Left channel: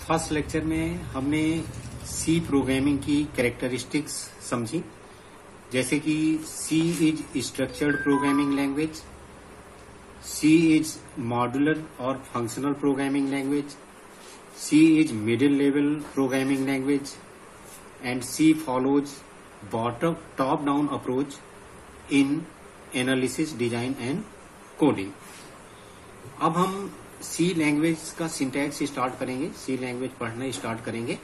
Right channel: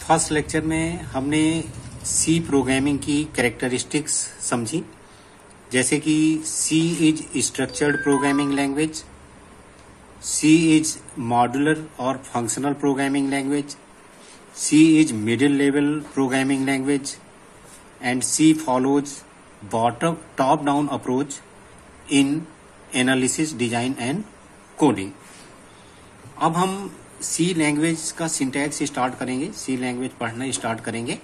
First lecture में हमने सी programming की कैरेक्टरिस्टिक्स समझी, जैसे कि C is structured programming language, C is modular और functional programming language, C is middle level programming language and C follows bottom top down approach in analysis, design and coding. अब हम C language का syntax start करेंगे, C language पढ़ना start करेंगे।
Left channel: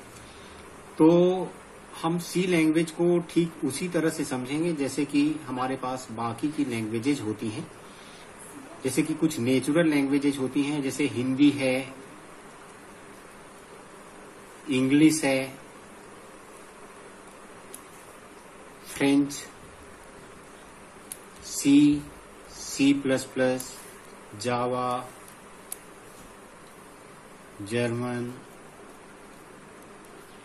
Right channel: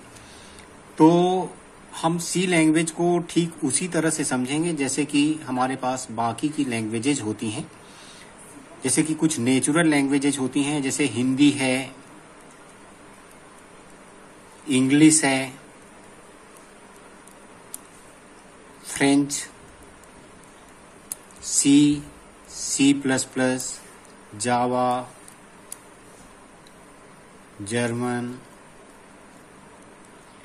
तो हम C language को ठीक उसी तरह से समझेंगे जैसे कि हमारे पास बाकी की लैंग्वेजेज होती हैं। जैसे कि कुछ नेचुरल लैंग्वेजेज होती हैं, जैसे हिंदी है, इंग्लिश है, फ्रेंच, सी, C++, जावा, जर्मन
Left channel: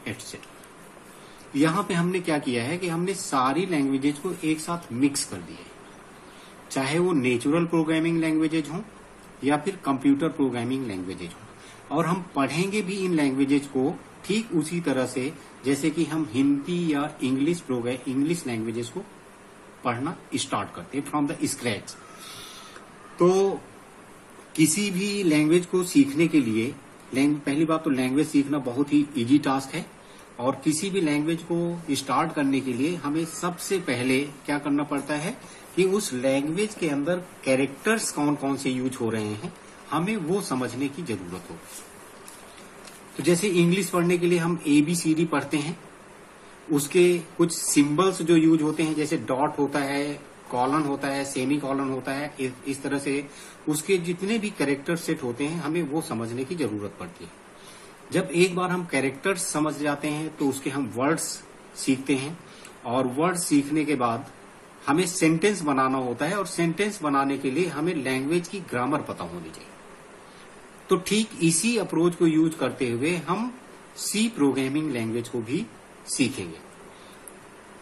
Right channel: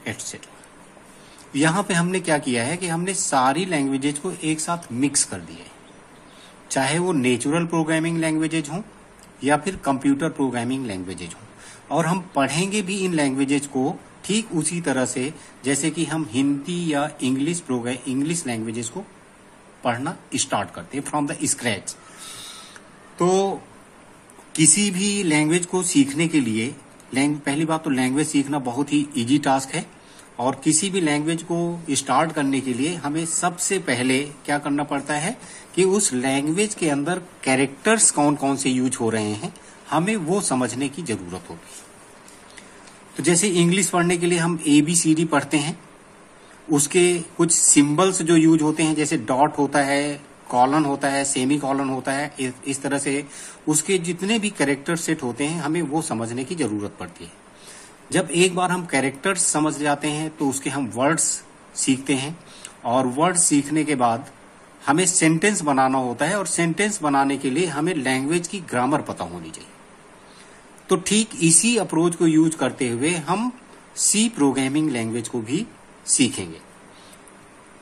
एटसेट्रा। यहां पे हमने क्या किया है कि हमने सारी लैंग्वेजेज को एक साथ मिक्स कर दिए, चाहे वो नेचुरल प्रोग्रामिंग लैंग्वेजेज हों या फिर कंप्यूटर प्रोग्रामिंग लैंग्वेजेज हों। और हम पढ़ेंगे भी इन लैंग्वेजेज को ठीक उसी तरह से जैसे कि हम हिंदी या इंग्लिश लैंग्वेजेज को पढ़ना स्टार्ट करते हैं फ्रॉम द स्क्रैच। तो किसी भी लैंग्वेज को सीखने के लिए पहली बात तो लैंग्वेज सीखना बहुत ही इजी टास्क है, और किसी भी लैंग्वेज को स्टार्ट करने के लिए हमें सबसे पहले क्या करना पड़ता है कि उस लैंग्वेज के अंदर कैरेक्टर्स कौन कौन से यूज हो रहे हैं, हमें वो समझने की जरूरत होगी। तो जैसे इंग्लिश पढ़ने के लिए हम ABCD पढ़ते हैं, उसके कुछ सिंबल्स जो यूज होते हैं, जैसे डॉट होता है, कॉलन होता है, सेमी कॉलन होता है, इस तरह से उसके जितने भी कैरेक्टर सेट होते हैं हमें वो समझने की जरूरत पड़ती है। जब एक बार हम कैरेक्टर्स समझ जाते हैं तो उसके हम वर्ड्स सीखते हैं, और वर्ड्स सीखने के बाद हमें सेंटेंस बनाना होता है, और सेंटेंस बनाने के लिए हमें लैंग्वेज की ग्रामर पता होनी चाहिए। तो ठीक इसी अप्रोच को यूज करते हुए हम सी प्रोग्रामिंग लैंग्वेज को भी सीखेंगे।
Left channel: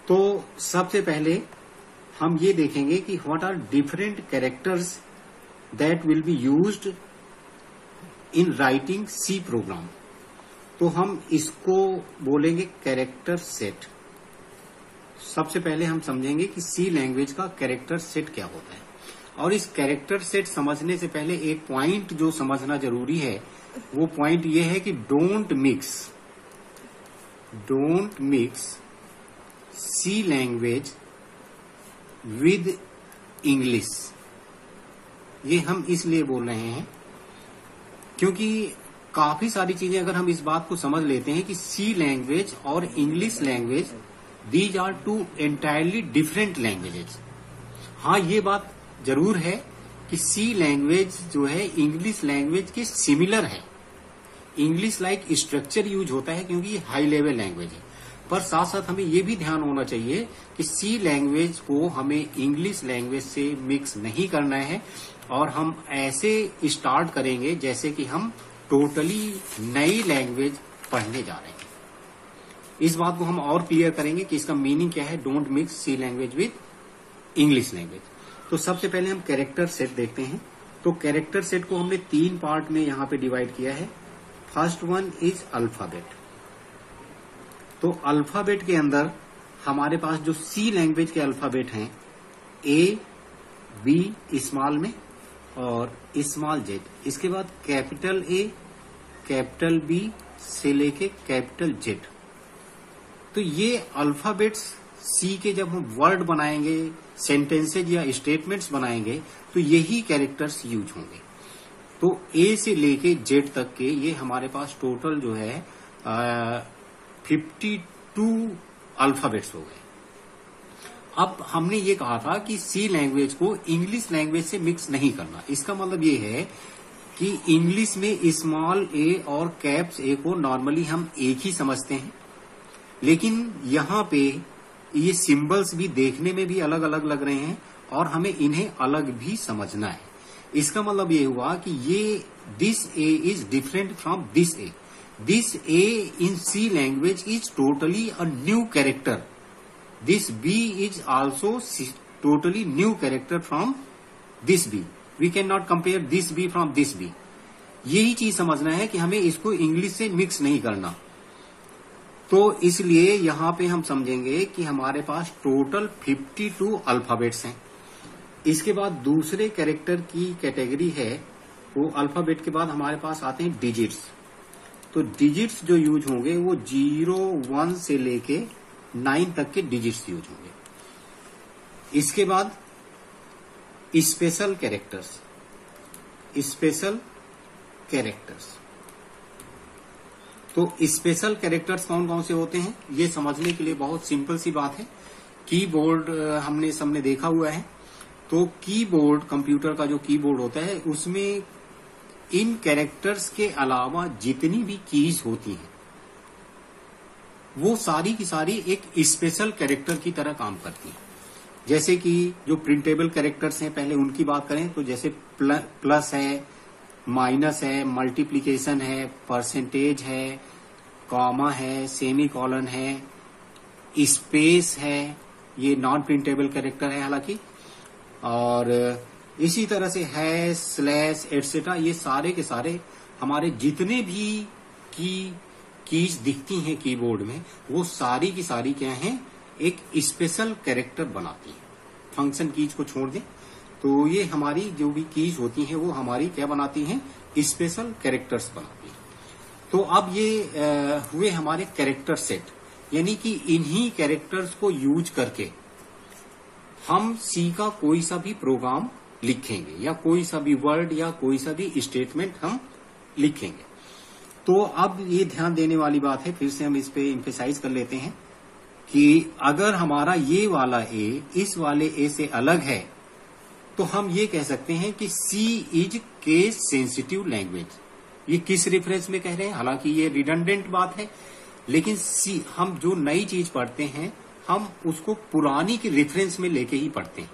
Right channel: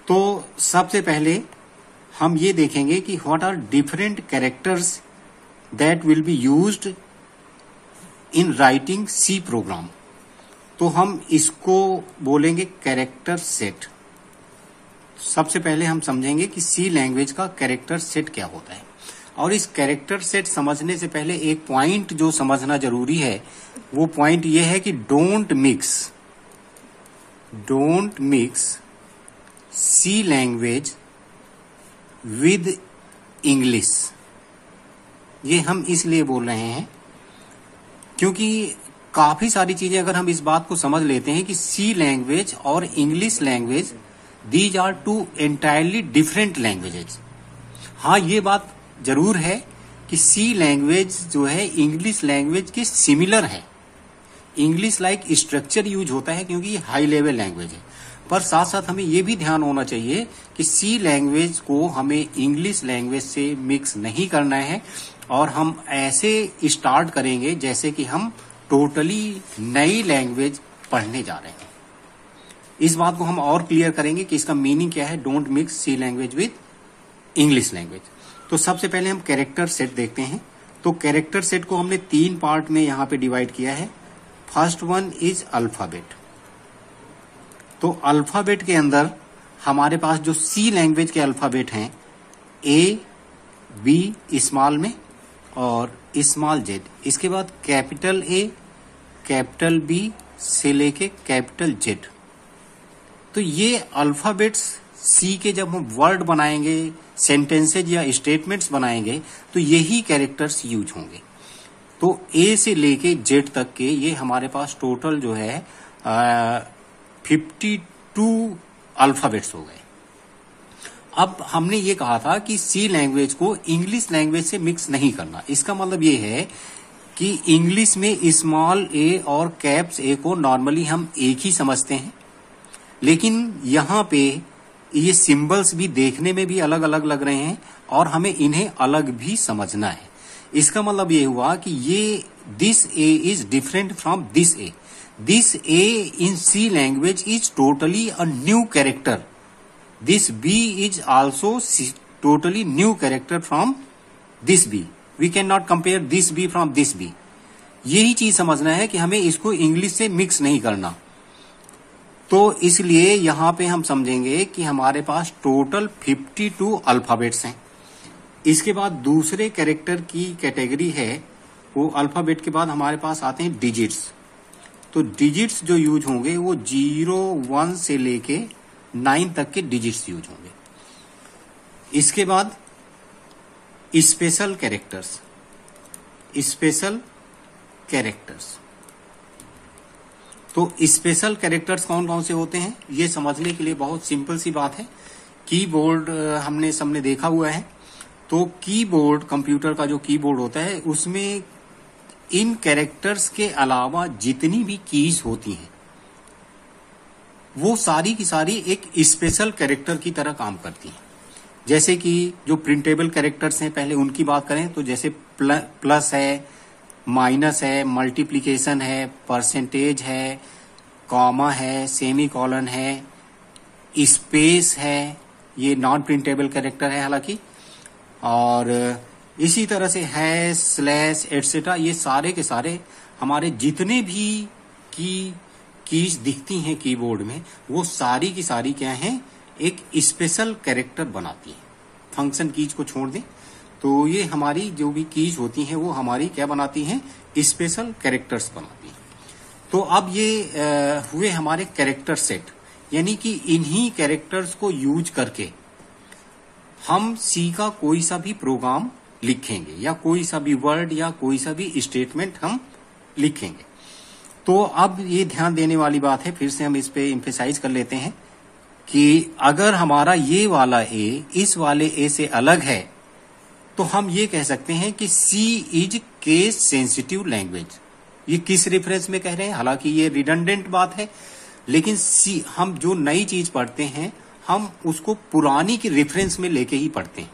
तो सबसे पहले हम ये देखेंगे कि what are different characters that will be used in writing C program. तो हम इसको बोलेंगे कैरेक्टर सेट। सबसे पहले हम समझेंगे कि सी लैंग्वेज का कैरेक्टर सेट क्या होता है, और इस कैरेक्टर सेट समझने से पहले एक पॉइंट जो समझना जरूरी है, वो पॉइंट ये है कि don't mix C language with English. ये हम इसलिए बोल रहे हैं क्योंकि काफी सारी चीजें अगर हम इस बात को समझ लेते हैं कि सी लैंग्वेज और English language these are two entirely different languages. हाँ, ये बात जरूर है कि सी लैंग्वेज जो है इंग्लिश लैंग्वेज के सिमिलर है। इंग्लिश लाइक स्ट्रक्चर यूज होता है क्योंकि ये हाई लेवल लैंग्वेज है, पर साथ साथ हमें ये भी ध्यान होना चाहिए कि सी लैंग्वेज को हमें इंग्लिश लैंग्वेज से मिक्स नहीं करना है, और हम ऐसे स्टार्ट करेंगे जैसे कि हम टोटली नई लैंग्वेज पढ़ने जा रहे हैं। इस बात को हम और क्लियर करेंगे कि इसका मीनिंग क्या है, don't mix C language with English language. तो सबसे पहले हम कैरेक्टर सेट देखते हैं। तो कैरेक्टर सेट को हमने 3 पार्ट में यहाँ पे डिवाइड किया है। First one is alphabet. तो अल्फाबेट के अंदर हमारे पास जो सी लैंग्वेज के अल्फाबेट हैं, A-B स्मॉल में और स्मॉल Z, इसके बाद कैपिटल A, कैपिटल B से लेके कैपिटल Z। तो ये अल्फाबेट्स सी के जब हम वर्ड बनाएंगे, सेंटेंसेज या स्टेटमेंट्स बनाएंगे, तो यही कैरेक्टर्स यूज होंगे। तो A से लेके Z तक के ये हमारे पास टोटल जो है 52 अल्फाबेट्स हो गए। अब हमने ये कहा था कि सी लैंग्वेज को इंग्लिश लैंग्वेज से मिक्स नहीं करना। इसका मतलब ये है कि इंग्लिश में स्मॉल a और कैप्स A को नॉर्मली हम एक ही समझते हैं, लेकिन यहाँ पे ये सिंबल्स भी देखने में भी अलग अलग लग रहे हैं, और हमें इन्हें अलग भी समझना है। इसका मतलब ये हुआ कि ये this A is different from this A। This A in C language is totally a new character. This B is also totally new character from this B. We cannot compare this B from this B. यही चीज समझना है कि हमें इसको English से mix नहीं करना। तो इसलिए यहां पे हम समझेंगे कि हमारे पास टोटल 52 अल्फाबेट्स हैं। इसके बाद दूसरे कैरेक्टर की कैटेगरी है, वो अल्फाबेट के बाद हमारे पास आते हैं डिजिट्स। तो डिजिट्स जो यूज होंगे वो 0, 1 से लेके 9 तक के डिजिट्स यूज होंगे। इसके बाद स्पेशल कैरेक्टर्स। स्पेशल कैरेक्टर्स, तो स्पेशल कैरेक्टर्स कौन कौन से होते हैं ये समझने के लिए बहुत सिंपल सी बात है। कीबोर्ड हमने सबने देखा हुआ है। तो कीबोर्ड, कंप्यूटर का जो कीबोर्ड होता है, उसमें इन कैरेक्टर्स के अलावा जितनी भी कीज होती हैं वो सारी की सारी एक स्पेशल कैरेक्टर की तरह काम करती हैं। जैसे कि जो प्रिंटेबल कैरेक्टर्स हैं, पहले उनकी बात करें तो जैसे प्लस है, माइनस है, मल्टीप्लिकेशन है, परसेंटेज है, कॉमा है, सेमी कॉलन है, स्पेस है, ये नॉन प्रिंटेबल कैरेक्टर है हालांकि, और इसी तरह से हैश, स्लैश एटसेट्रा, ये सारे के सारे हमारे जितने भी कीज दिखती हैं कीबोर्ड में, वो सारी की सारी क्या हैं, एक स्पेशल कैरेक्टर बनाती हैं। फंक्शन कीज को छोड़ दें तो ये हमारी जो भी कीज होती हैं वो हमारी क्या बनाती हैं, स्पेशल कैरेक्टर्स बनाती हैं। तो अब ये हुए हमारे कैरेक्टर सेट, यानी कि इन्हीं कैरेक्टर्स को यूज करके हम सी का कोई सा भी प्रोग्राम लिखेंगे या कोई सा भी वर्ड या कोई सा भी स्टेटमेंट हम लिखेंगे। तो अब ये ध्यान देने वाली बात है, फिर से हम इस पे एम्फेसाइज कर लेते हैं कि अगर हमारा ये वाला ए इस वाले ए से अलग है तो हम ये कह सकते हैं कि C is case sensitive language. ये किस रेफरेंस में कह रहे हैं, हालांकि ये रिडंडेंट बात है, लेकिन सी, हम जो नई चीज पढ़ते हैं हम उसको पुरानी के रेफरेंस में लेके ही पढ़ते हैं,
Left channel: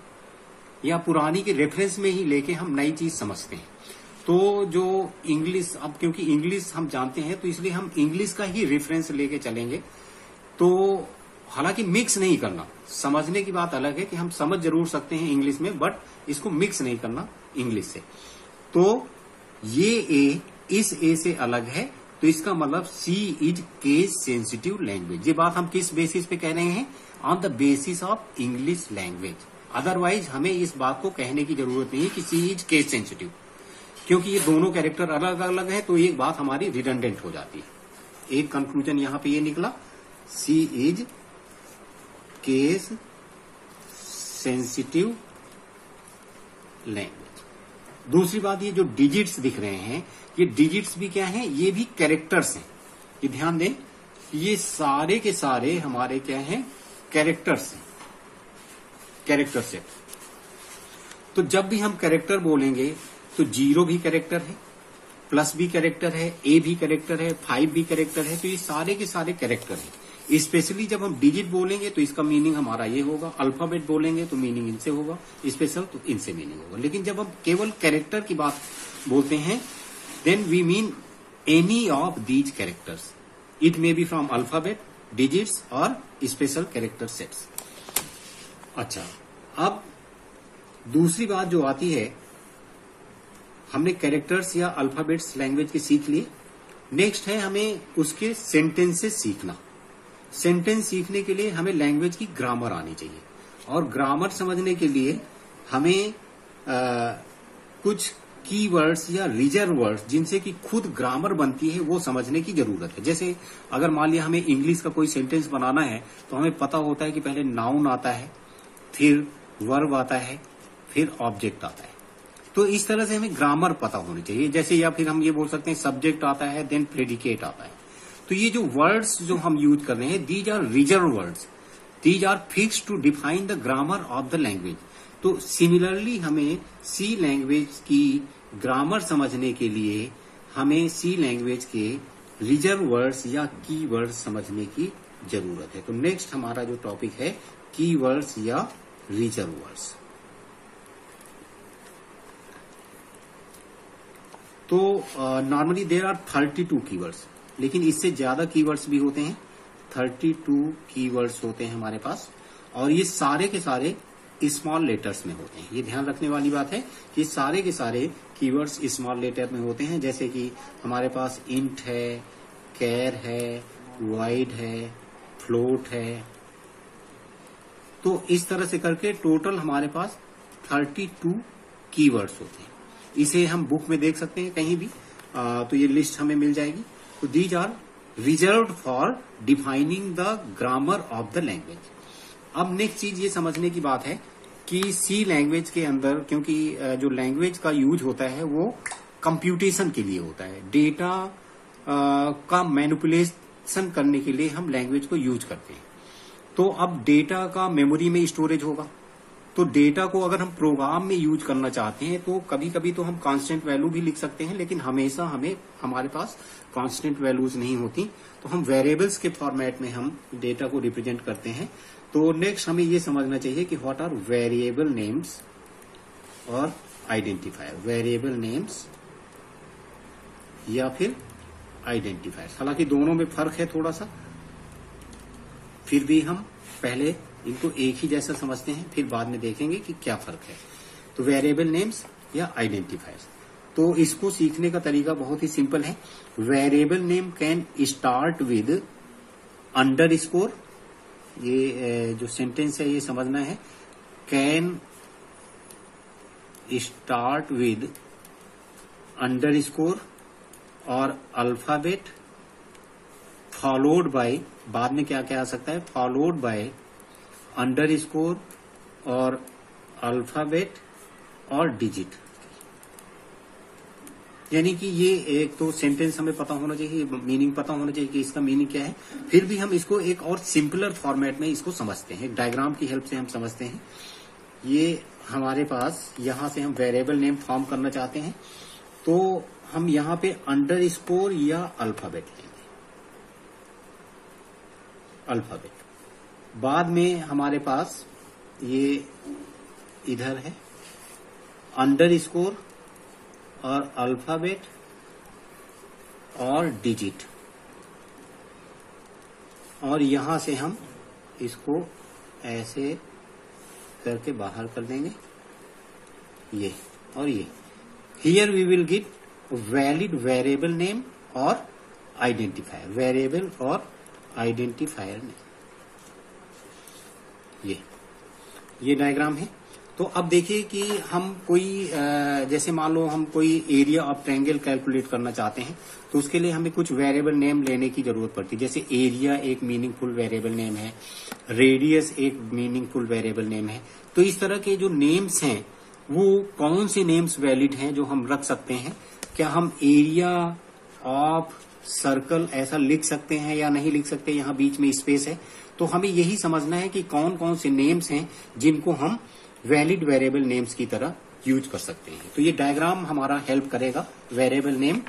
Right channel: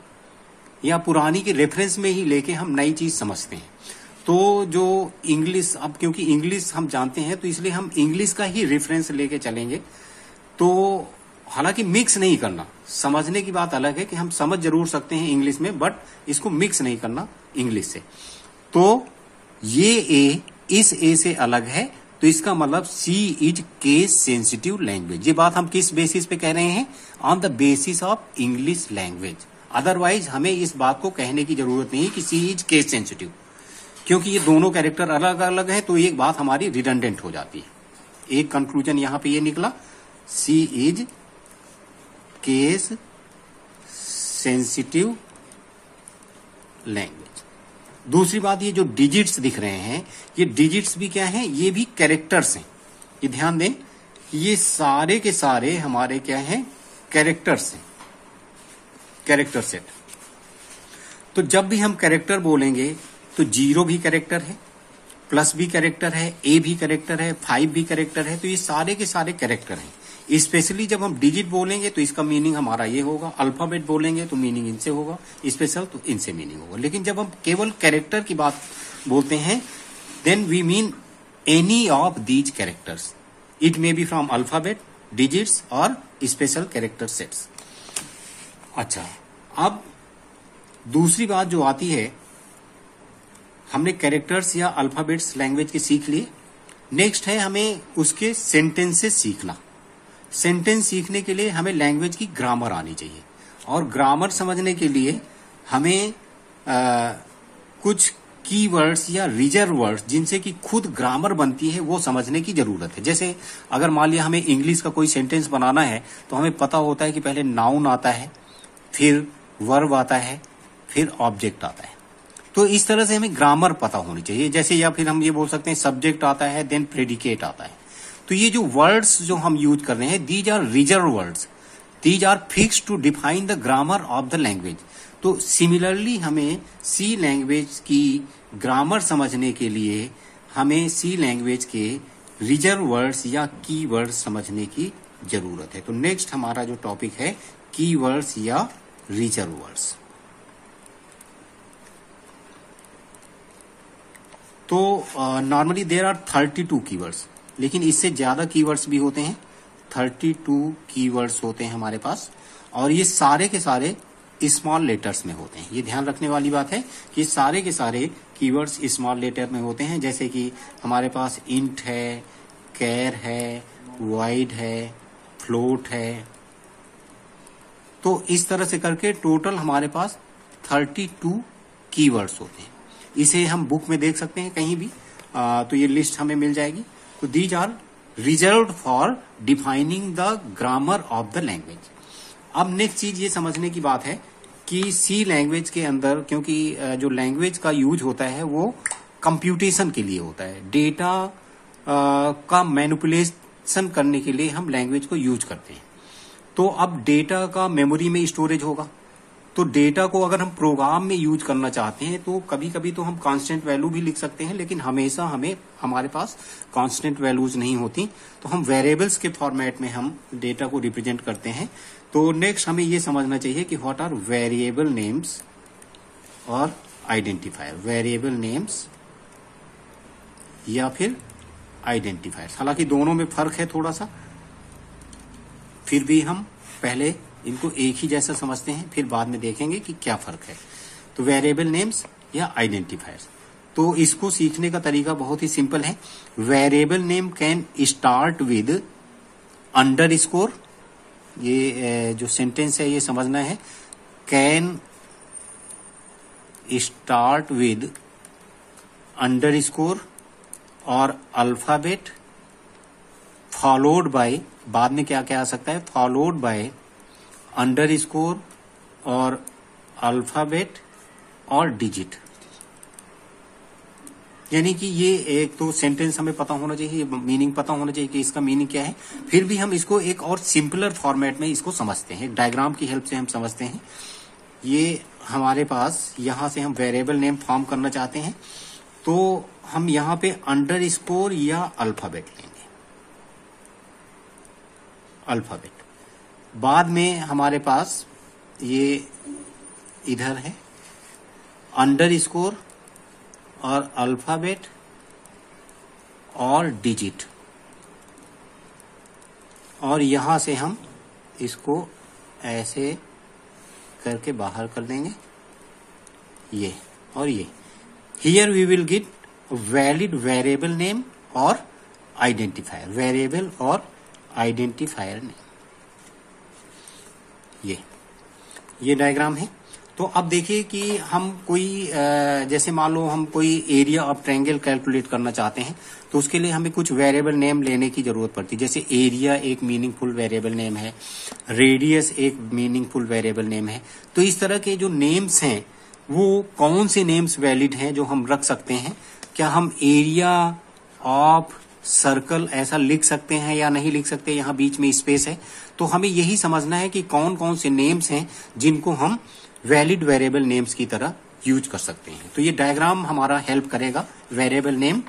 या पुरानी के रेफरेंस में ही लेके हम नई चीज समझते हैं। तो जो इंग्लिश, अब क्योंकि इंग्लिश हम जानते हैं तो इसलिए हम इंग्लिश का ही रेफरेंस लेके चलेंगे। तो हालांकि मिक्स नहीं करना, समझने की बात अलग है कि हम समझ जरूर सकते हैं इंग्लिश में, बट इसको मिक्स नहीं करना इंग्लिश से। तो ये ए इस ए से अलग है, तो इसका मतलब सी इज केस सेंसिटिव लैंग्वेज। ये बात हम किस बेसिस पे कह रहे हैं, on the basis of English language. Otherwise हमें इस बात को कहने की जरूरत नहीं कि सी इज केस सेंसिटिव, क्योंकि ये दोनों कैरेक्टर अलग अलग है, तो एक बात हमारी रिडंडेंट हो जाती है। एक कंक्लूजन यहां पे ये निकला, सी इज केस सेंसिटिव लैंग्वेज। दूसरी बात, ये जो डिजिट्स दिख रहे हैं, ये डिजिट्स भी क्या हैं, ये भी कैरेक्टर्स हैं। ये ध्यान दें, ये सारे के सारे हमारे क्या हैं, कैरेक्टर्स हैं, कैरेक्टर सेट। तो जब भी हम कैरेक्टर बोलेंगे तो 0 भी कैरेक्टर है, प्लस भी कैरेक्टर है, ए भी कैरेक्टर है, 5 भी कैरेक्टर है, तो ये सारे के सारे कैरेक्टर हैं। स्पेशली जब हम डिजिट बोलेंगे तो इसका मीनिंग हमारा ये होगा, अल्फाबेट बोलेंगे तो मीनिंग इनसे होगा, स्पेशल तो इनसे मीनिंग होगा। लेकिन जब हम केवल कैरेक्टर की बात बोलते हैं, then we mean any of these characters, it may be from alphabet, digits और स्पेशल कैरेक्टर सेट्स। अच्छा, अब दूसरी बात जो आती है, हमने कैरेक्टर्स या अल्फाबेट्स लैंग्वेज के सीख लिए। नेक्स्ट है हमें उसके सेंटेंसेस सीखना। सेंटेंस सीखने के लिए हमें लैंग्वेज की ग्रामर आनी चाहिए, और ग्रामर समझने के लिए हमें कुछ कीवर्ड्स या रिजर्व वर्ड्स जिनसे कि खुद ग्रामर बनती है वो समझने की जरूरत है। जैसे अगर मान लिया हमें इंग्लिश का कोई सेंटेंस बनाना है तो हमें पता होता है कि पहले नाउन आता है, फिर वर्ब आता है, फिर ऑब्जेक्ट आता है। तो इस तरह से हमें ग्रामर पता होनी चाहिए। जैसे, या फिर हम ये बोल सकते हैं सब्जेक्ट आता है, देन प्रेडिकेट आता है। तो ये जो वर्ड्स जो हम यूज कर रहे हैं, these are reserve words, these are fix to define the grammar of the language. तो सिमिलरली हमें सी लैंग्वेज की ग्रामर समझने के लिए हमें सी लैंग्वेज के रिजर्व वर्ड्स या की वर्ड्स समझने की जरूरत है। तो नेक्स्ट हमारा जो टॉपिक है, की वर्ड्स या रिजर्व वर्ड्स। तो नॉर्मली देयर आर 32 कीवर्ड्स, लेकिन इससे ज्यादा कीवर्ड्स भी होते हैं। 32 कीवर्ड्स होते हैं हमारे पास, और ये सारे के सारे स्मॉल लेटर्स में होते हैं। ये ध्यान रखने वाली बात है कि सारे के सारे कीवर्ड्स स्मॉल लेटर में होते हैं। जैसे कि हमारे पास इंट है, कैर है, वाइड है, फ्लोट है, तो इस तरह से करके टोटल हमारे पास 32 कीवर्ड्स होते हैं। इसे हम बुक में देख सकते हैं कहीं भी, तो ये लिस्ट हमें मिल जाएगी। तो these are reserved for defining the grammar of the language. अब नेक्स्ट चीज ये समझने की बात है कि सी लैंग्वेज के अंदर, क्योंकि जो लैंग्वेज का यूज होता है वो कंप्यूटेशन के लिए होता है, डेटा का मैनिपुलेशन करने के लिए हम लैंग्वेज को यूज करते हैं। तो अब डेटा का मेमोरी में स्टोरेज होगा, तो डेटा को अगर हम प्रोग्राम में यूज करना चाहते हैं तो कभी कभी तो हम कांस्टेंट वैल्यू भी लिख सकते हैं, लेकिन हमेशा हमारे पास कांस्टेंट वैल्यूज नहीं होती, तो हम वेरिएबल्स के फॉर्मेट में हम डेटा को रिप्रेजेंट करते हैं। तो नेक्स्ट हमें ये समझना चाहिए कि व्हाट आर वेरिएबल नेम्स और आइडेंटिफायर। वेरिएबल नेम्स या फिर आइडेंटिफायर्स, हालांकि दोनों में फर्क है थोड़ा सा, फिर भी हम पहले इनको एक ही जैसा समझते हैं, फिर बाद में देखेंगे कि क्या फर्क है। तो वेरिएबल नेम्स या आइडेंटिफायर्स, तो इसको सीखने का तरीका बहुत ही सिंपल है। Variable name can start with underscore, ये जो सेंटेंस है ये समझना है, कैन स्टार्ट विद अंडरस्कोर और अल्फाबेट फॉलोड बाय, बाद में क्या क्या आ सकता है, फॉलोड बाय अंडरस्कोर और अल्फाबेट और डिजिट। यानी कि ये एक तो सेंटेंस हमें पता होना चाहिए, मीनिंग पता होना चाहिए कि इसका मीनिंग क्या है, फिर भी हम इसको एक और सिंपलर फॉर्मेट में इसको समझते हैं, डायग्राम की हेल्प से हम समझते हैं। ये हमारे पास यहां से हम वेरिएबल नेम फॉर्म करना चाहते हैं, तो हम यहां पे अंडरस्कोर या अल्फाबेट लेंगे, अल्फाबेट। बाद में हमारे पास ये इधर है अंडरस्कोर और अल्फाबेट और डिजिट, और यहां से हम इसको ऐसे करके बाहर कर देंगे, ये और ये। Here we will get valid variable name और आइडेंटिफायर, वेरिएबल और आइडेंटिफायर नेम। ये डायग्राम है। तो अब देखिए कि हम कोई जैसे मान लो हम कोई एरिया ऑफ ट्रायंगल कैलकुलेट करना चाहते हैं, तो उसके लिए हमें कुछ वेरिएबल नेम लेने की जरूरत पड़ती है। जैसे एरिया एक मीनिंगफुल वेरिएबल नेम है, रेडियस एक मीनिंगफुल वेरिएबल नेम है। तो इस तरह के जो नेम्स हैं वो कौन से नेम्स वैलिड हैं जो हम रख सकते हैं? क्या हम एरिया ऑफ सर्कल ऐसा लिख सकते हैं या नहीं लिख सकते? यहाँ बीच में स्पेस है, तो हमें यही समझना है कि कौन कौन से नेम्स हैं जिनको हम वैलिड वेरिएबल नेम्स की तरह यूज कर सकते हैं। तो ये डायग्राम हमारा हेल्प करेगा वेरिएबल नेम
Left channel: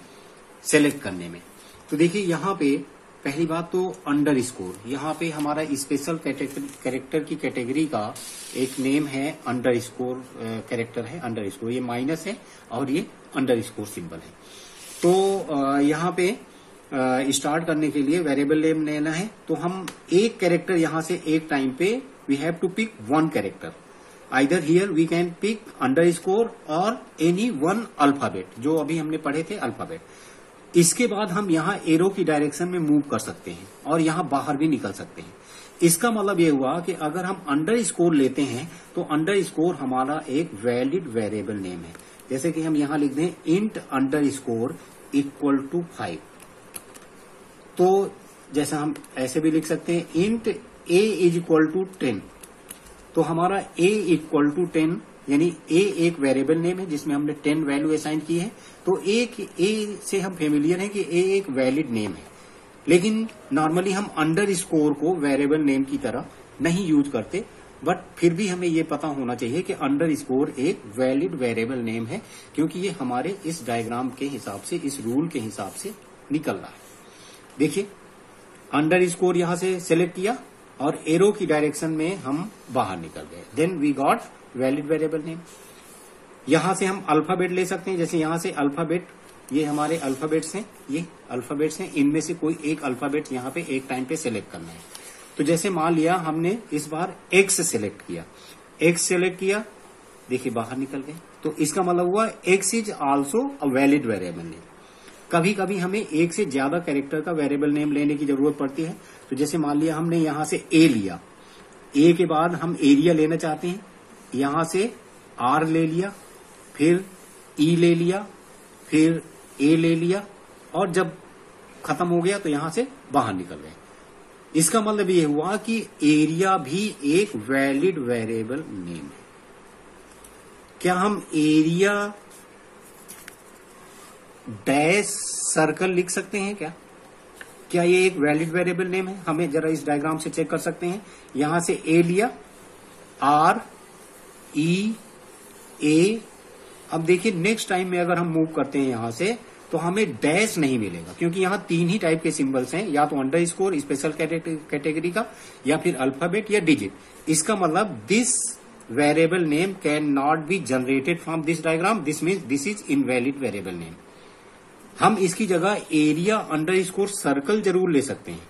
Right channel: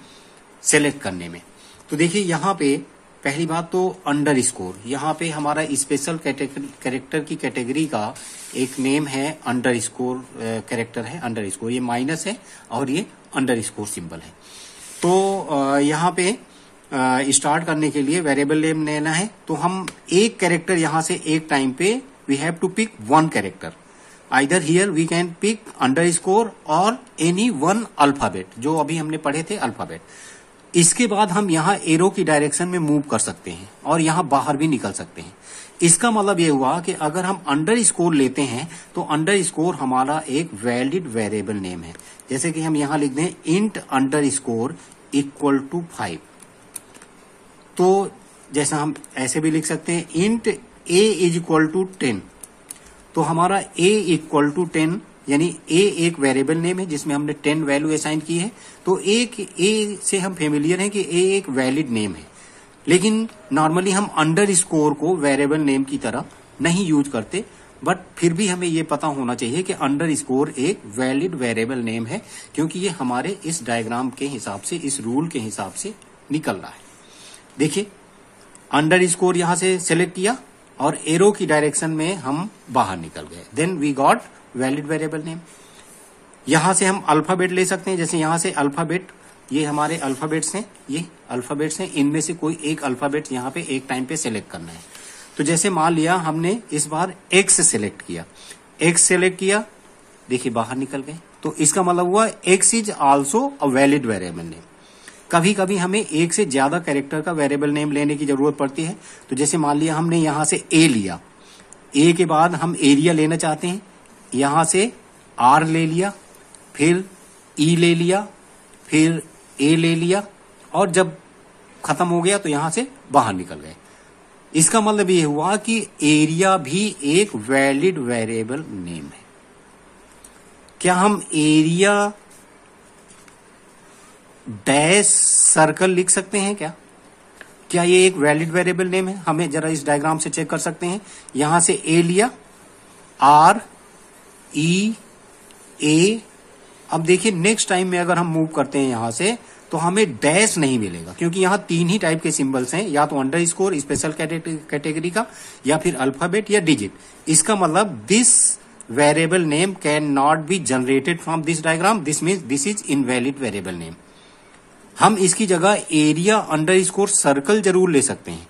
सेलेक्ट करने में। तो देखिए यहाँ पे पहली बात तो अंडरस्कोर, यहाँ पे हमारा स्पेशल कैरेक्टर की कैटेगरी का एक नेम है अंडरस्कोर कैरेक्टर है, अंडरस्कोर। ये माइनस है और ये अंडरस्कोर सिंबल है। तो यहाँ पे स्टार्ट करने के लिए वेरिएबल नेम लेना है, तो हम एक कैरेक्टर यहाँ से एक टाइम पे we have to pick one character. Either here we can pick underscore और एनी वन अल्फाबेट, जो अभी हमने पढ़े थे अल्फाबेट। इसके बाद हम यहाँ एरो की डायरेक्शन में मूव कर सकते हैं और यहाँ बाहर भी निकल सकते हैं। इसका मतलब ये हुआ कि अगर हम अंडरस्कोर लेते हैं तो अंडरस्कोर हमारा एक वैलिड वेरिएबल नेम है। जैसे कि हम यहाँ लिख दें इंट अंडरस्कोर इक्वल टू 5, तो जैसा हम ऐसे भी लिख सकते हैं int A is equal to 10, तो हमारा a इक्वल टू 10 यानी a एक वेरिएबल नेम है जिसमें हमने 10 वैल्यू असाइन की है। तो a से हम फेमिलियर हैं कि a एक वैलिड नेम है, लेकिन नॉर्मली हम अंडरस्कोर को वेरिएबल नेम की तरह नहीं यूज करते, बट फिर भी हमें ये पता होना चाहिए कि अंडरस्कोर एक वैलिड वेरिएबल नेम है, क्योंकि ये हमारे इस डायग्राम के हिसाब से, इस रूल के हिसाब से निकल रहा है। देखिए अंडरस्कोर यहां से सेलेक्ट किया और एरो की डायरेक्शन में हम बाहर निकल गए, then we got valid variable name. यहां से हम अल्फाबेट ले सकते हैं, जैसे यहां से अल्फाबेट, ये हमारे अल्फाबेट्स हैं, ये अल्फाबेट्स हैं, इनमें से कोई एक अल्फाबेट यहाँ पे एक टाइम पे सिलेक्ट करना है। तो जैसे मान लिया हमने इस बार एक्स सेलेक्ट किया, एक्स सेलेक्ट किया, देखिए बाहर निकल गए। तो इसका मतलब हुआ x is also a valid variable name. कभी कभी हमें एक से ज्यादा कैरेक्टर का वेरिएबल नेम लेने की जरूरत पड़ती है। तो जैसे मान लिया हमने यहां से ए लिया, ए के बाद हम एरिया लेना चाहते हैं, यहां से आर ले लिया, फिर ई ले लिया, फिर ए ले लिया, और जब खत्म हो गया तो यहां से बाहर निकल गए। इसका मतलब ये हुआ कि एरिया भी एक वैलिड वेरिएबल नेम है। क्या हम एरिया डैश सर्कल लिख सकते हैं क्या ये एक वैलिड वेरिएबल नेम है? हमें जरा इस डायग्राम से चेक कर सकते हैं। यहां से ए लिया, आर ई ए, अब देखिए नेक्स्ट टाइम में अगर हम मूव करते हैं यहां से तो हमें डैश नहीं मिलेगा, क्योंकि यहां तीन ही टाइप के सिंबल्स हैं, या तो अंडरस्कोर स्पेशल कैटेगरी का, या फिर अल्फाबेट या डिजिट। इसका मतलब this variable name can not be generated from this diagram, this means this is invalid variable name. हम इसकी जगह एरिया अंडरस्कोर सर्कल जरूर ले सकते हैं,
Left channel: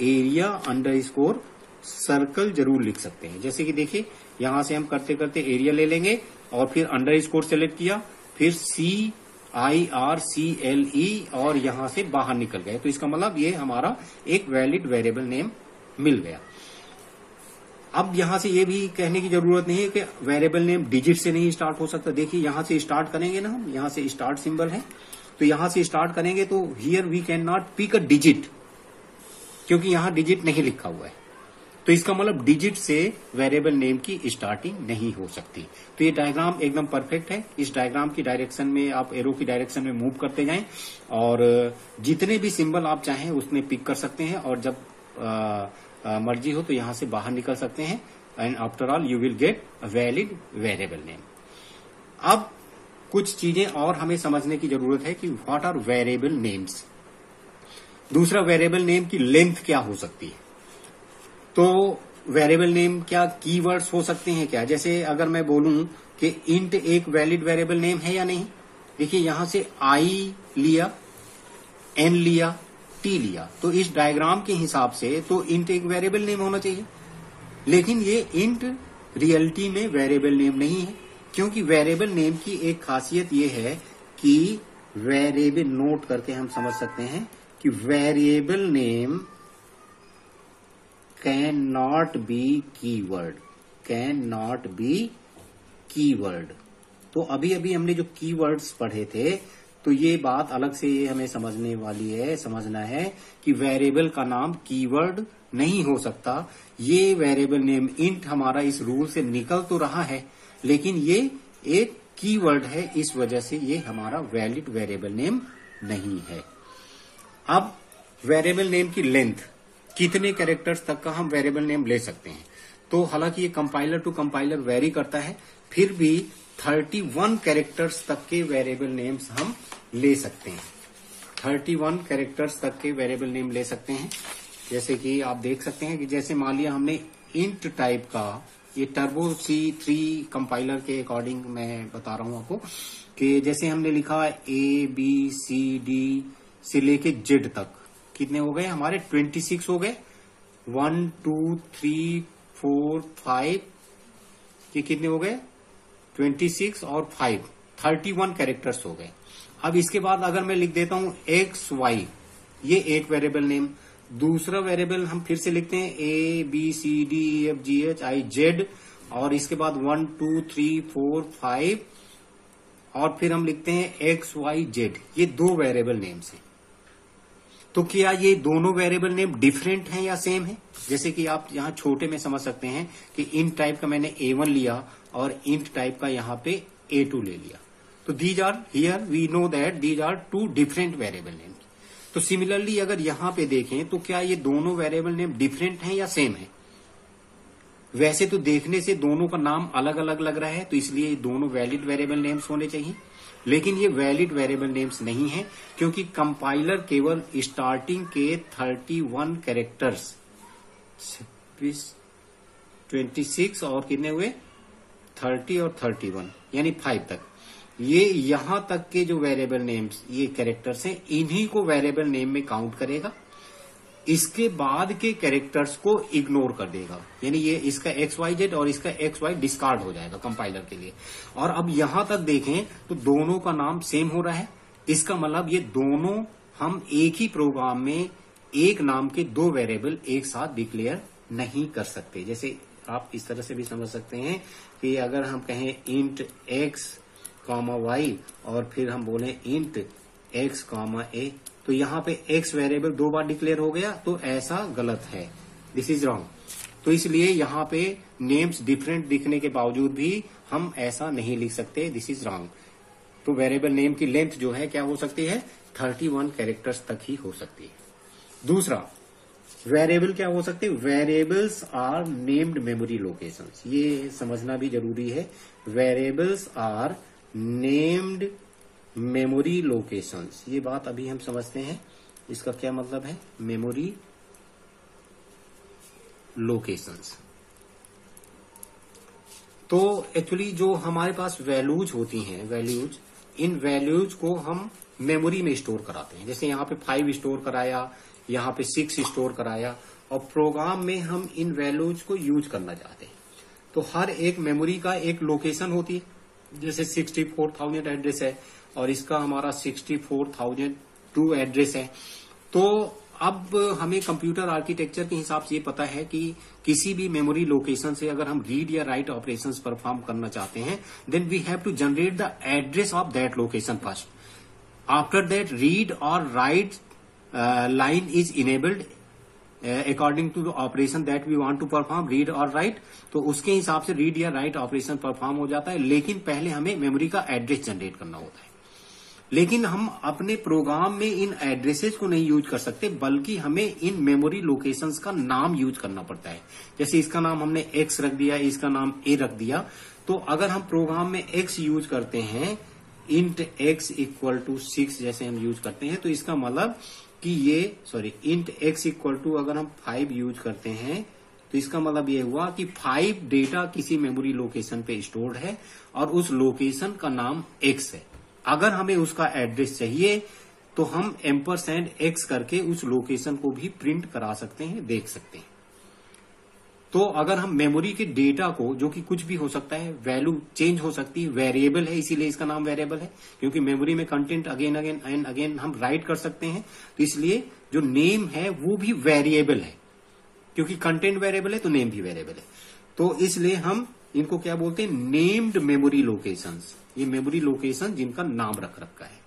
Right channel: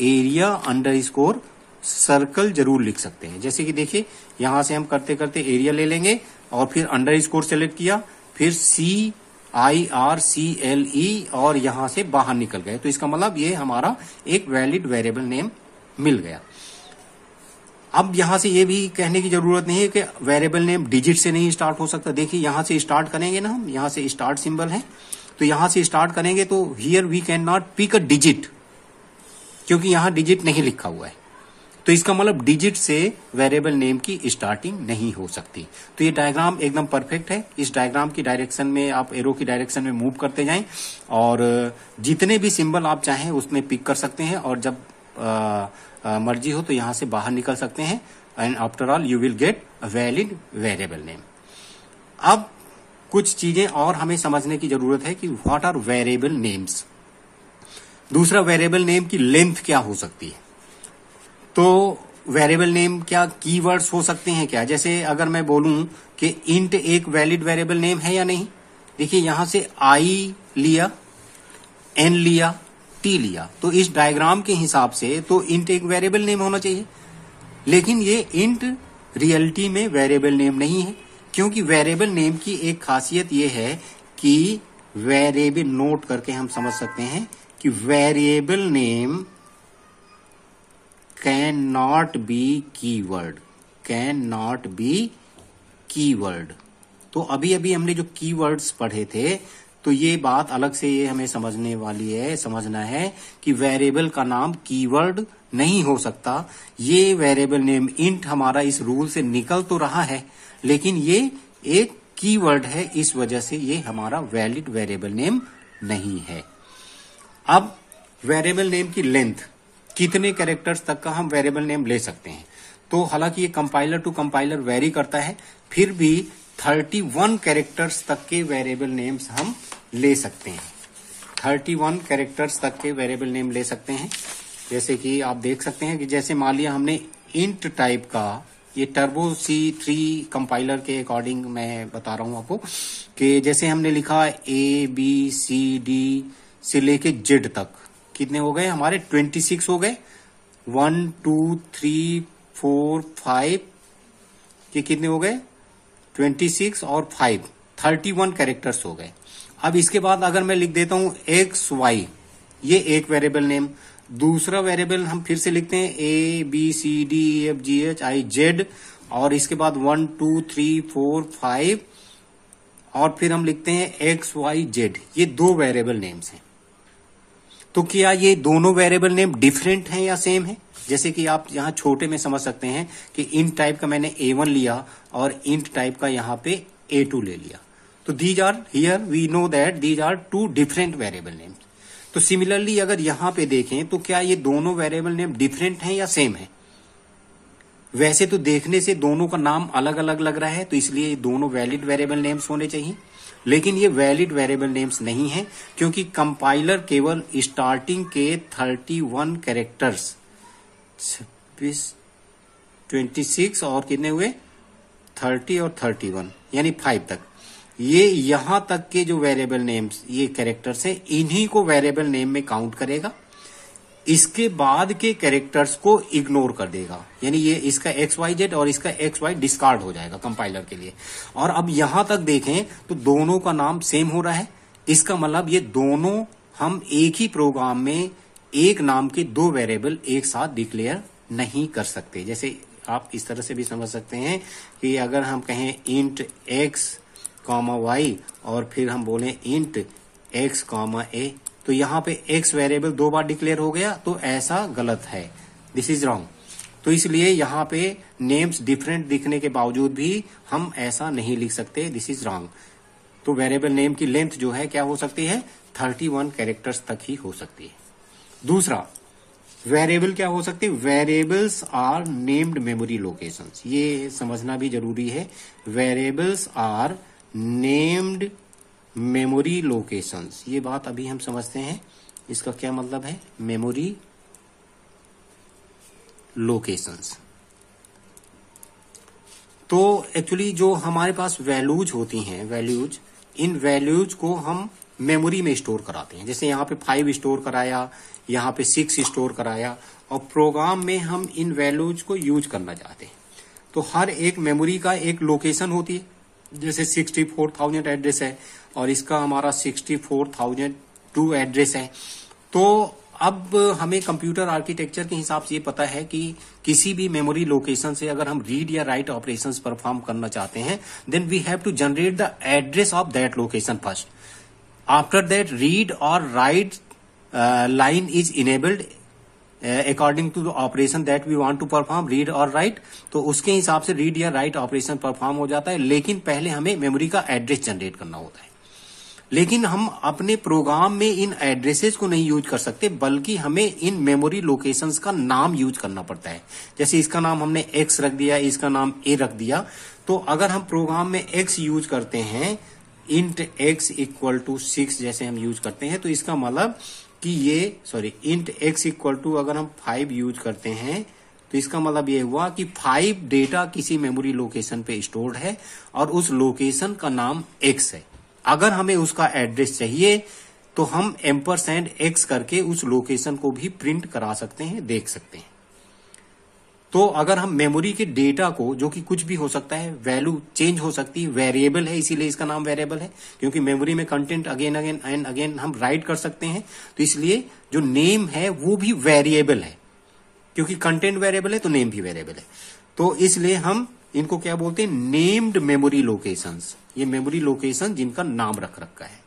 एरिया अंडरस्कोर सर्कल जरूर लिख सकते हैं। जैसे कि देखिए यहां से हम करते करते एरिया ले लेंगे और फिर अंडरस्कोर सेलेक्ट किया, फिर CIRCLE और यहां से बाहर निकल गए। तो इसका मतलब ये हमारा एक वैलिड वेरिएबल नेम मिल गया। अब यहां से ये भी कहने की जरूरत नहीं है कि वेरिएबल नेम डिजिट से नहीं स्टार्ट हो सकता। देखिए यहां से स्टार्ट करेंगे ना, हम यहां से स्टार्ट सिंबल है, तो यहां से स्टार्ट करेंगे तो here we can not pick a digit, क्योंकि यहां डिजिट नहीं लिखा हुआ है। तो इसका मतलब डिजिट से वेरिएबल नेम की स्टार्टिंग नहीं हो सकती। तो ये डायग्राम एकदम परफेक्ट है। इस डायग्राम की डायरेक्शन में आप एरो की डायरेक्शन में मूव करते जाएं और जितने भी सिंबल आप चाहें उसमें पिक कर सकते हैं, और जब मर्जी हो तो यहां से बाहर निकल सकते हैं। And after all you will get a valid variable name. अब कुछ चीजें और हमें समझने की जरूरत है कि व्हाट आर वेरिएबल नेम्स। दूसरा, वेरिएबल नेम की लेंथ क्या हो सकती है। तो वेरिएबल नेम क्या कीवर्ड्स हो सकते हैं क्या? जैसे अगर मैं बोलूं कि इंट एक वैलिड वेरिएबल नेम है या नहीं, देखिए यहां से आई लिया, एन लिया, टी लिया, तो इस डायग्राम के हिसाब से तो इंट एक वेरिएबल नेम होना चाहिए। लेकिन ये इंट रियलिटी में वेरिएबल नेम नहीं है, क्योंकि वेरिएबल नेम की एक खासियत ये है कि वेरिएबल, नोट करके हम समझ सकते हैं कि variable name can not be keyword, can not be keyword. तो अभी अभी हमने जो कीवर्ड्स पढ़े थे, तो ये बात अलग से ये हमें समझने वाली है, समझना है कि वेरिएबल का नाम कीवर्ड नहीं हो सकता। ये वेरिएबल नेम इंट हमारा इस रूल से निकल तो रहा है, लेकिन ये एक कीवर्ड है, इस वजह से ये हमारा वैलिड वेरिएबल नेम नहीं है। अब वेरिएबल नेम की लेंथ, कितने कैरेक्टर्स तक का हम वेरिएबल नेम ले सकते हैं। तो हालांकि ये कंपाइलर टू कंपाइलर वेरी करता है, फिर भी 31 कैरेक्टर्स तक के वेरिएबल नेम्स हम ले सकते हैं। 31 कैरेक्टर्स तक के वेरिएबल नेम ले सकते हैं। जैसे कि आप देख सकते हैं कि जैसे मान लिया हमने इंट टाइप का, ये टर्बो C3 कंपाइलर के अकॉर्डिंग मैं बता रहा हूं आपको, कि जैसे हमने लिखा ABCD से लेके Z तक, कितने हो गए हमारे? 26 हो गए। 1 2 3 4 5, ये कितने हो गए? 26 और 5, 31 कैरेक्टर्स हो गए। अब इसके बाद अगर मैं लिख देता हूं XY, ये एक वेरिएबल नेम। दूसरा वेरिएबल हम फिर से लिखते हैं ABCDEFGHIZ, और इसके बाद 1 2 3 4 5, और फिर हम लिखते हैं XYZ। ये दो वेरिएबल नेम्स हैं। तो क्या ये दोनों वेरिएबल नेम डिफरेंट हैं या सेम है? जैसे कि आप यहां छोटे में समझ सकते हैं कि इंट टाइप का मैंने A1 लिया और इंट टाइप का यहां पे A2 ले लिया, तो these are, here we know that these are two different variable names. तो सिमिलरली अगर यहां पे देखें तो क्या ये दोनों वेरिएबल नेम डिफरेंट हैं या सेम है? वैसे तो देखने से दोनों का नाम अलग अलग लग रहा है, तो इसलिए दोनों वैलिड वेरिएबल नेम्स होने चाहिए। लेकिन ये वैलिड वेरिएबल नेम्स नहीं है, क्योंकि कंपाइलर केवल स्टार्टिंग के 31 कैरेक्टर्स, 26 और कितने हुए? 30 और 31, यानी 5 तक, ये यहां तक के जो वेरिएबल नेम्स, ये कैरेक्टर्स हैं, इन्हीं को वेरिएबल नेम में काउंट करेगा। इसके बाद के कैरेक्टर्स को इग्नोर कर देगा, यानी ये इसका XYZ और इसका XY डिस्कार्ड हो जाएगा कंपाइलर के लिए। और अब यहां तक देखें तो दोनों का नाम सेम हो रहा है, इसका मतलब ये दोनों हम एक ही प्रोग्राम में एक नाम के दो वेरिएबल एक साथ डिक्लेयर नहीं कर सकते। जैसे आप इस तरह से भी समझ सकते हैं कि अगर हम कहें इंट x, y और फिर हम बोले इंट x, a, तो यहाँ पे x वेरिएबल दो बार डिक्लेयर हो गया, तो ऐसा गलत है, दिस इज रॉन्ग। तो इसलिए यहाँ पे नेम्स डिफरेंट दिखने के बावजूद भी हम ऐसा नहीं लिख सकते, दिस इज रॉन्ग। तो वेरिएबल नेम की लेंथ जो है क्या हो सकती है, 31 कैरेक्टर्स तक ही हो सकती है। दूसरा वेरिएबल क्या हो सकते हैं, variables are named memory locations, ये समझना भी जरूरी है। Variables are named memory locations, ये बात अभी हम समझते हैं, इसका क्या मतलब है, मेमोरी लोकेशंस। तो एक्चुअली जो हमारे पास वैल्यूज होती हैं, वैल्यूज, इन वैल्यूज को हम मेमोरी में स्टोर कराते हैं। जैसे यहाँ पे 5 स्टोर कराया, यहाँ पे 6 स्टोर कराया, और प्रोग्राम में हम इन वैल्यूज को यूज करना चाहते हैं। तो हर एक मेमोरी का एक लोकेशन होती है, जैसे 64,000 एड्रेस है और इसका हमारा 64,002 एड्रेस है। तो अब हमें कंप्यूटर आर्किटेक्चर के हिसाब से ये पता है कि किसी भी मेमोरी लोकेशन से अगर हम रीड या राइट ऑपरेशंस परफॉर्म करना चाहते हैं, then we have to generate the address of that location first. After that read और write line is enabled according to the operation that we want to perform, read और write। तो उसके हिसाब से read या राइट ऑपरेशन परफॉर्म हो जाता है, लेकिन पहले हमें मेमोरी का एड्रेस जनरेट करना होता है। लेकिन हम अपने प्रोग्राम में इन एड्रेसेस को नहीं यूज कर सकते, बल्कि हमें इन मेमोरी लोकेशंस का नाम यूज करना पड़ता है। जैसे इसका नाम हमने x रख दिया, इसका नाम a रख दिया, तो अगर हम प्रोग्राम में x यूज करते हैं, इंट x इक्वल टू 6 जैसे हम यूज करते हैं, तो इसका मतलब कि ये इंट x इक्वल टू अगर हम 5 यूज करते हैं, तो इसका मतलब ये हुआ कि 5 डेटा किसी मेमोरी लोकेशन पे स्टोर्ड है और उस लोकेशन का नाम x है। अगर हमें उसका एड्रेस चाहिए तो हम $x करके उस लोकेशन को भी प्रिंट करा सकते हैं, देख सकते हैं। तो अगर हम मेमोरी के डेटा को, जो कि कुछ भी हो सकता है, वैल्यू चेंज हो सकती है, वेरिएबल है इसीलिए इसका नाम वेरिएबल है, क्योंकि मेमोरी में content again again and again हम राइट कर सकते हैं, तो इसलिए जो नेम है वो भी वेरिएबल है, क्योंकि कंटेंट वेरिएबल है तो नेम भी वेरिएबल है। तो इसलिए हम इनको क्या बोलते हैं, नेम्ड मेमोरी लोकेशंस। ये मेमोरी लोकेशन जिनका नाम रख रखा है।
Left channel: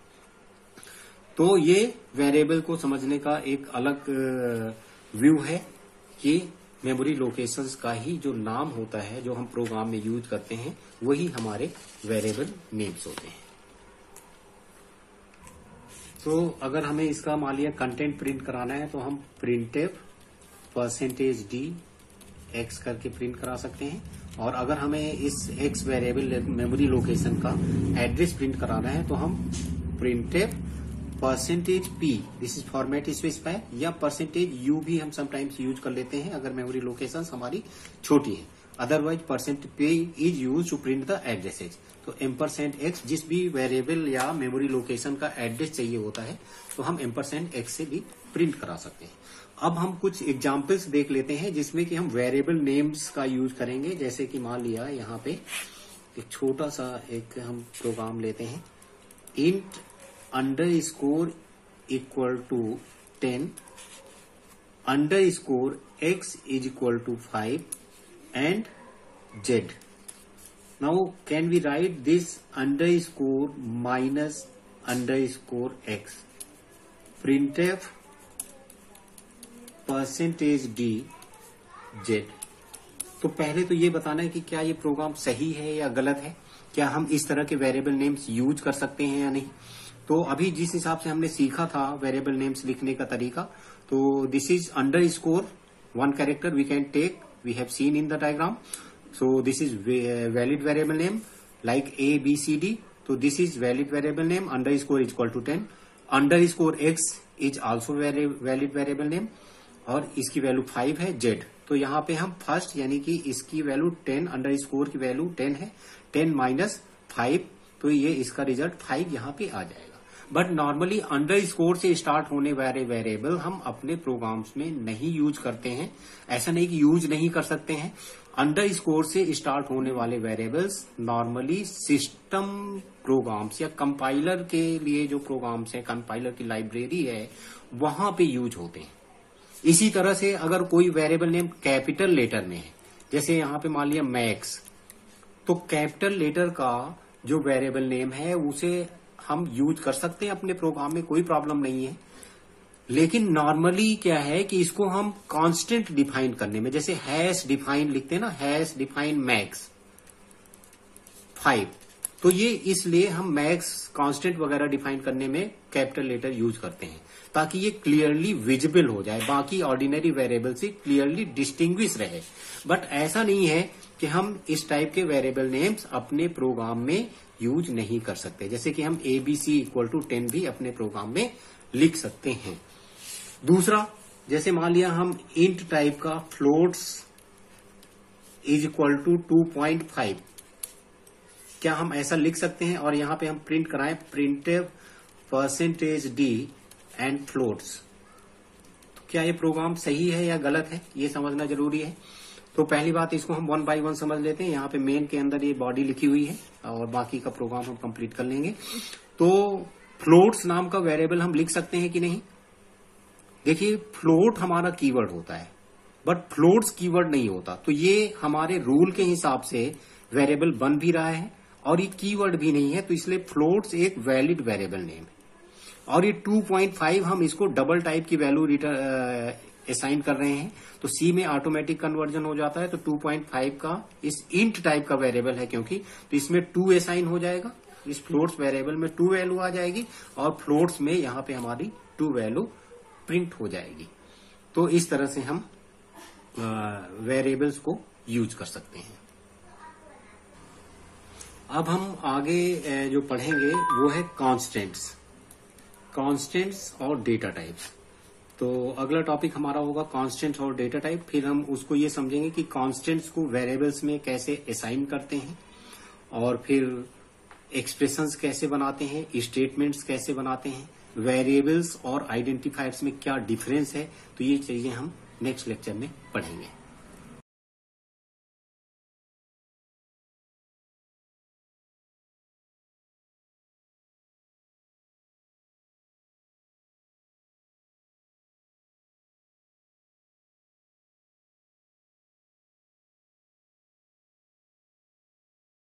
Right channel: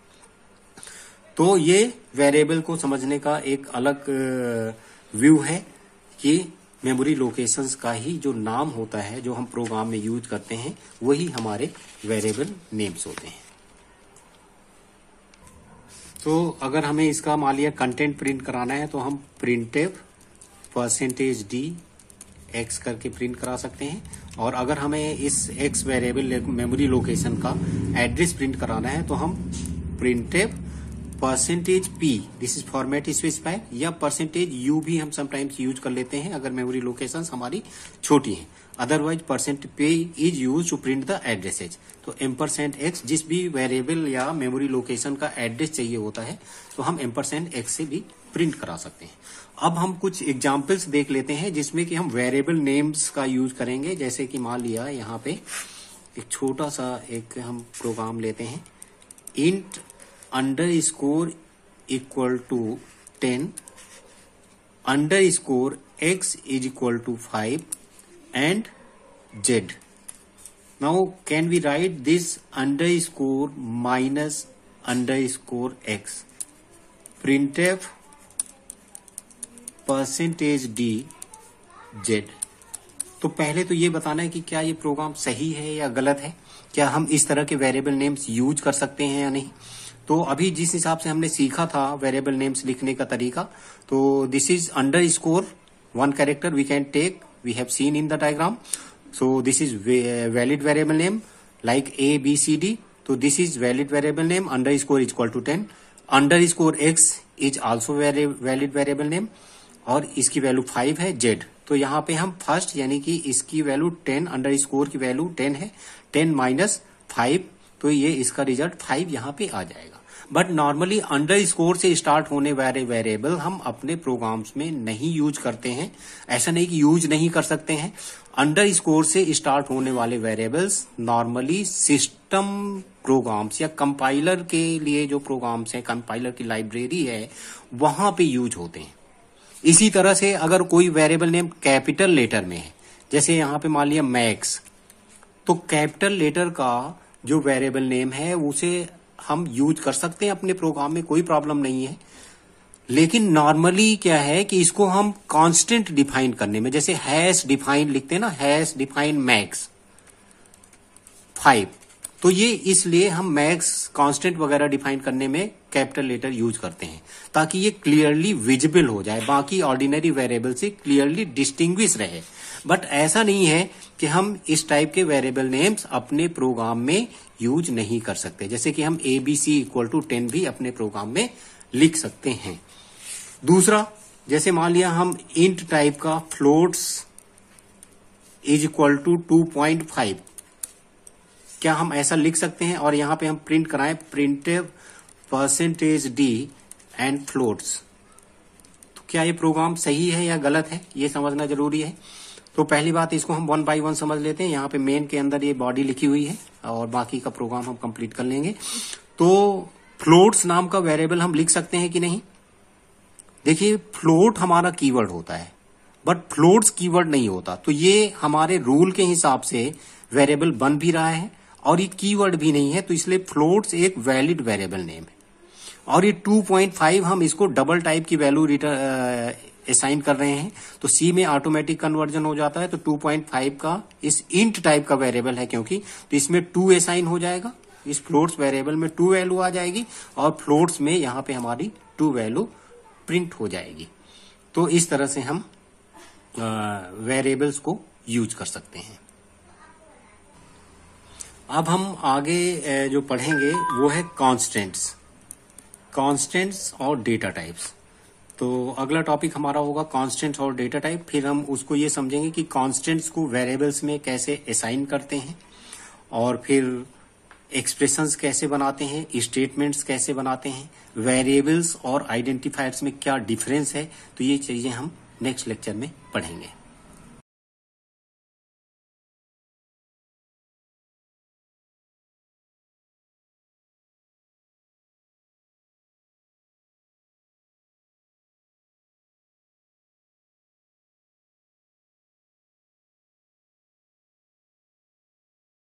तो ये वेरिएबल को समझने का एक अलग व्यू है कि मेमोरी लोकेशंस का ही जो नाम होता है, जो हम प्रोग्राम में यूज करते हैं, वही हमारे वेरिएबल नेम्स होते हैं। तो अगर हमें इसका मान लिया कंटेंट प्रिंट कराना है, तो हम प्रिंटफ %d x करके प्रिंट करा सकते हैं। और अगर हमें इस x वेरिएबल मेमोरी लोकेशन का एड्रेस प्रिंट कराना है, तो हम printf %p, this is format specify, या %u भी हम समटाइम्स यूज कर लेते हैं अगर मेमोरी लोकेशंस हमारी छोटी हैं। Otherwise %p is use to print the addresses. तो $x, जिस भी वेरिएबल या मेमोरी लोकेशन का एड्रेस चाहिए होता है, तो हम $x से भी प्रिंट करा सकते हैं। अब हम कुछ एग्जाम्पल्स देख लेते हैं जिसमें कि हम वेरिएबल नेम्स का यूज करेंगे। जैसे कि मान लिया यहाँ पे एक छोटा सा एक हम प्रोग्राम लेते हैं, int _ equal to 10 _ x is equal to 5 and z। Now can we write this _ minus _ x, printf %d z। तो पहले तो ये बताना है कि क्या ये प्रोग्राम सही है या गलत है, क्या हम इस तरह के वेरिएबल नेम्स यूज कर सकते हैं या नहीं। तो अभी जिस हिसाब से हमने सीखा था वेरिएबल नेम्स लिखने का तरीका, तो this is _ 1 character we can take, we have seen in the diagram. So this is valid variable name like ABCD। तो this is valid variable name, _ is equal to 10, _ x is also valid variable name, और इसकी value 5 है, z। तो यहाँ पे हम first यानी कि इसकी वैल्यू 10, _ की वैल्यू 10 है, 10 - 5, तो ये इसका रिजल्ट 5 यहाँ पे आ जाएगा। बट नॉर्मली अंडर स्कोर से स्टार्ट होने वाले वेरिएबल हम अपने प्रोग्राम्स में नहीं यूज करते हैं। ऐसा नहीं कि यूज नहीं कर सकते हैं, अंडर स्कोर से स्टार्ट होने वाले वेरिएबल्स नॉर्मली सिस्टम प्रोग्राम्स या कंपाइलर के लिए जो प्रोग्राम्स हैं, कंपाइलर की लाइब्रेरी है, वहां पे यूज होते हैं। इसी तरह से अगर कोई वेरिएबल नेम कैपिटल लेटर में है, जैसे यहां पे मान लिया मैक्स, तो कैपिटल लेटर का जो वेरिएबल नेम है उसे हम यूज कर सकते हैं अपने प्रोग्राम में, कोई प्रॉब्लम नहीं है। लेकिन नॉर्मली क्या है कि इसको हम कांस्टेंट डिफाइन करने में, जैसे हैश डिफाइन लिखते हैं ना, हैश डिफाइन मैक्स 5, तो ये इसलिए हम मैक्स कांस्टेंट वगैरह डिफाइन करने में कैपिटल लेटर यूज करते हैं ताकि ये क्लियरली विजिबल हो जाए, बाकी ऑर्डिनरी वेरिएबल से क्लियरली डिस्टिंग्विश रहे। बट ऐसा नहीं है कि हम इस टाइप के वेरिएबल नेम्स अपने प्रोग्राम में यूज नहीं कर सकते, जैसे कि हम ABC इक्वल टू 10 भी अपने प्रोग्राम में लिख सकते हैं। दूसरा, जैसे मान लिया हम इंट टाइप का फ्लोट्स इज इक्वल टू 2.5, क्या हम ऐसा लिख सकते हैं और यहां पे हम प्रिंट कराएं प्रिंटिव %d एंड फ्लोट्स, तो क्या ये प्रोग्राम सही है या गलत है, ये समझना जरूरी है। तो पहली बात, इसको हम 1 बाय 1 समझ लेते हैं। यहाँ पे मेन के अंदर ये बॉडी लिखी हुई है और बाकी का प्रोग्राम हम कंप्लीट कर लेंगे। तो फ्लोट्स नाम का वेरिएबल हम लिख सकते हैं कि नहीं? देखिए, फ्लोट हमारा कीवर्ड होता है बट फ्लोट्स कीवर्ड नहीं होता, तो ये हमारे रूल के हिसाब से वेरिएबल बन भी रहा है और ये कीवर्ड भी नहीं है, तो इसलिए फ्लोट्स एक वैलिड वेरिएबल नेम है। और ये 2.5 हम इसको डबल टाइप की वैल्यू असाइन कर रहे हैं, तो C में ऑटोमेटिक कन्वर्जन हो जाता है। तो 2.5 का इस इंट टाइप का वेरिएबल है क्योंकि, तो इसमें 2 असाइन हो जाएगा, इस फ्लोट्स वेरिएबल में 2 वैल्यू आ जाएगी और फ्लोट्स में यहां पे हमारी 2 वैल्यू प्रिंट हो जाएगी। तो इस तरह से हम वेरिएबल्स को यूज कर सकते हैं। अब हम आगे जो पढ़ेंगे वो है कांस्टेंट्स और डेटा टाइप्स। तो अगला टॉपिक हमारा होगा कांस्टेंट्स और डेटा टाइप। फिर हम उसको ये समझेंगे कि कांस्टेंट्स को वेरिएबल्स में कैसे असाइन करते हैं और फिर एक्सप्रेशंस कैसे बनाते हैं, स्टेटमेंट्स कैसे बनाते हैं, वेरिएबल्स और आइडेंटिफायर्स में क्या डिफरेंस है। तो ये चीजें हम नेक्स्ट लेक्चर में पढ़ेंगे।